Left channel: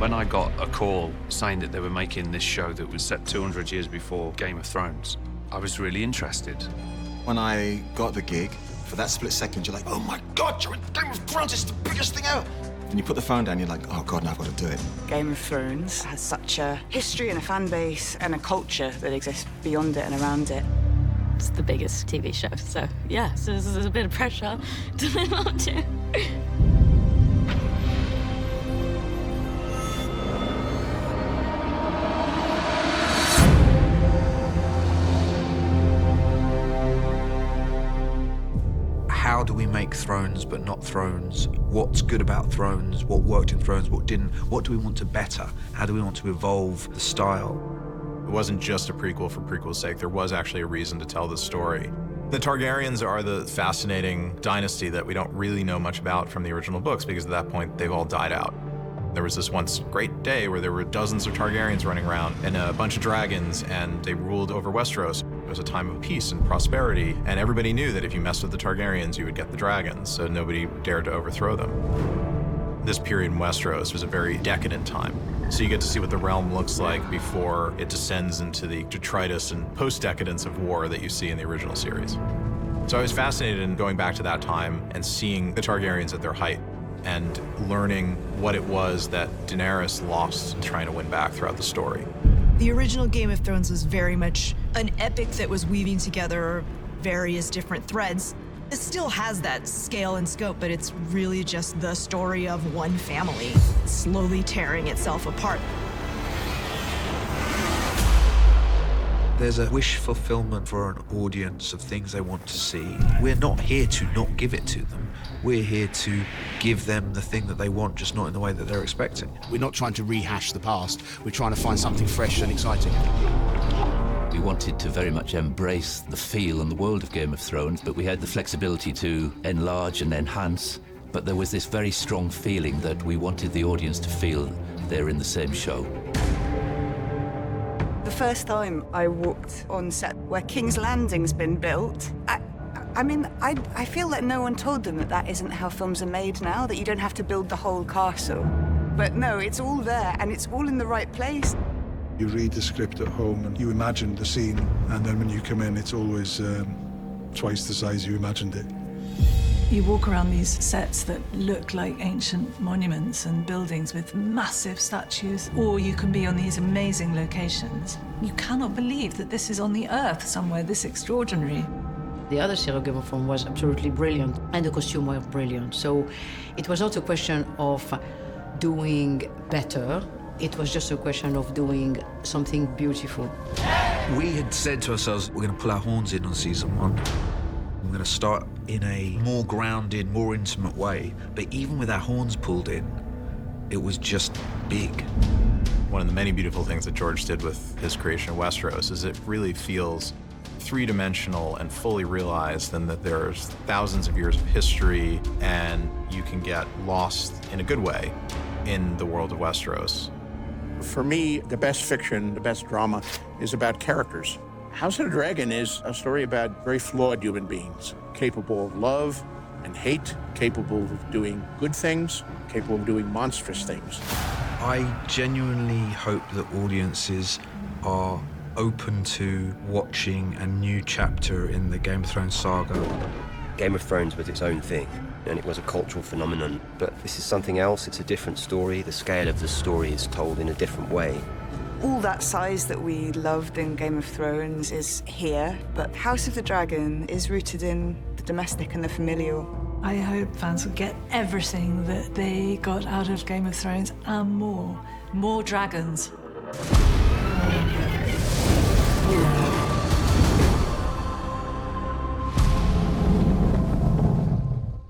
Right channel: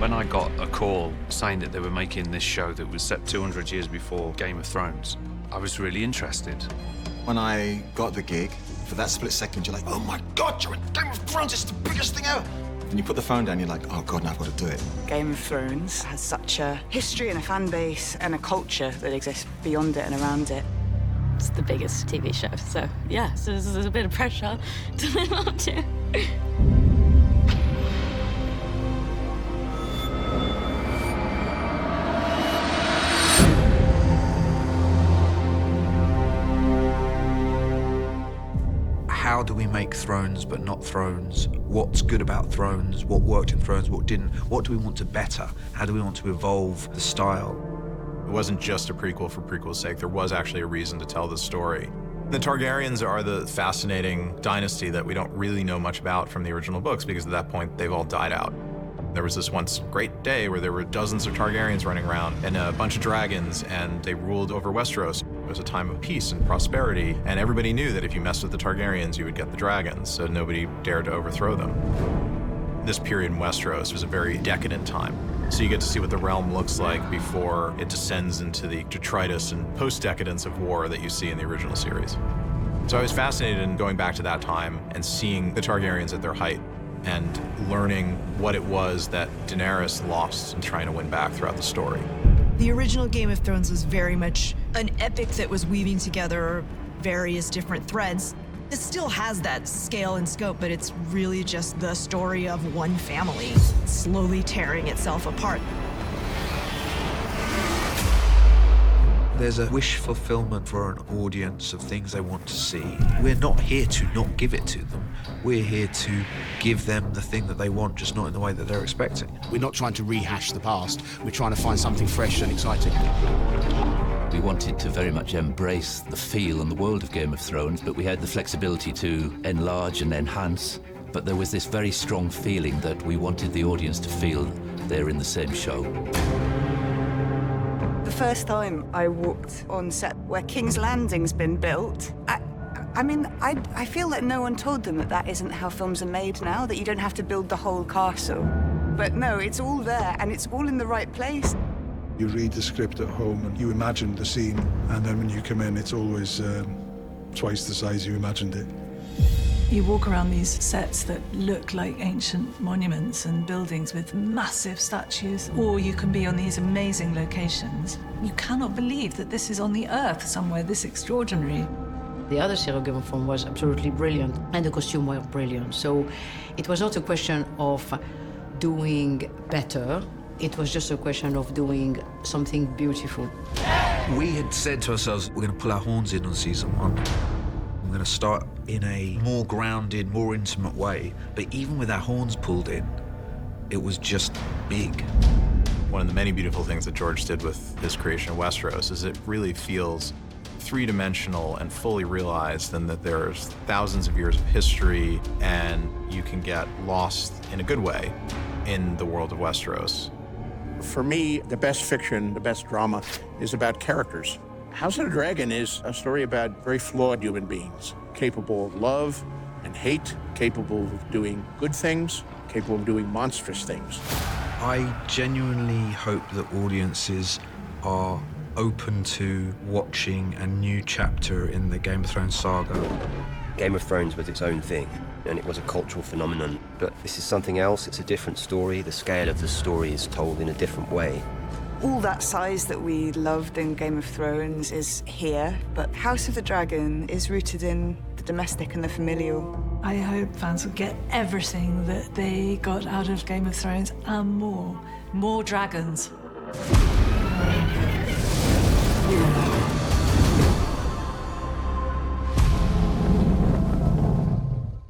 When I got a call saying that they were making this show that was set 200 years before Game of Thrones, I was really interested. When I got the gig, for that split second, you're like, oh my God, you're in Game of Thrones, it's the biggest thing ever. And you put the phone down, you're like, oh God, now I've got to do it. Game of Thrones has such a history and a fan base and a culture that exists beyond it and around it. It's the biggest TV show, so yeah, so there's a bit of pressure to live up to. How do we make Thrones but not Thrones? What's good about Thrones? What worked in Thrones? What didn't? What do we want to better? How do we want to evolve the style? It wasn't just a prequel for prequel's sake. There was actually a reason to tell this story. The Targaryens are the fascinating dynasty that we don't really know much about from the original books because at that point they've all died out. There was this once great day where there were dozens of Targaryens running around and a bunch of dragons, and they ruled over Westeros. It was a time of peace and prosperity, and everybody knew that if you messed with the Targaryens, you would get the dragons, so nobody dared to overthrow them. This period in Westeros was a very decadent time. So you get to see what the realm looks like before it descends into the detritus and post-decadence of war that you see in the original series. So I was fascinated in going back to that time and seeing the Targaryens at their height and learning what it was that Daenerys lost in trying to win back throughout the story. The original Game of Thrones was very much an epic that was weaving together various different threads. It still has that scale and scope, but it's really just the story of one family slowly tearing itself apart. There's a wish fulfillment for an audience of things they want to see. We're not here to not give it to them. We're here to give them the thing that they want, just not in the way that they're expecting. We're not trying to rehash the past. We're trying to find something fresh and exciting. We wanted to very much embrace the feel and the world of Game of Thrones, but we had the flexibility to enlarge and enhance. But there was this very strong feeling that we wanted the audience to feel they're in the same show. The first time I walked on set where King's Landing's been built, I feel like no one told them that that isn't how films are made now, that you don't have to build the whole castle. But no, it's all there and it's all in the right place. You read the script at home and you imagine the scene, and then when you come in, it's always twice the size you imagined it. You walk around these sets that look like ancient monuments and buildings with massive statues, or you can be on these amazing locations. You cannot believe that this is on the Earth somewhere this extraordinary. The other serial Game of Thrones was absolutely brilliant, and the costume was brilliant. So it was not a question of doing better. It was just a question of doing something beautiful. We had said to ourselves, we're going to put our horns in on season 1. We're going to start in a more grounded, more intimate way. But even with our horns pulled in, it was just big. One of the many beautiful things that George did with his creation of Westeros is it really feels three-dimensional and fully realized, and that there's thousands of years of history, and you can get lost in a good way in the world of Westeros. For me, the best fiction, the best drama is about characters. House of the Dragon is a story about very flawed human beings, capable of love and hate, capable of doing good things, capable of doing monstrous things. I genuinely hope that audiences are open to watching a new chapter in the Game of Thrones saga. Game of Thrones was its own thing, and it was a cultural phenomenon. But this is something else, it's a different story. The scale of the story is told in a different way. All that size that we loved in Game of Thrones is here, but House of the Dragon is rooted in the domestic and the familial. I hope fans will get everything that they got out of Game of Thrones and more. More dragons.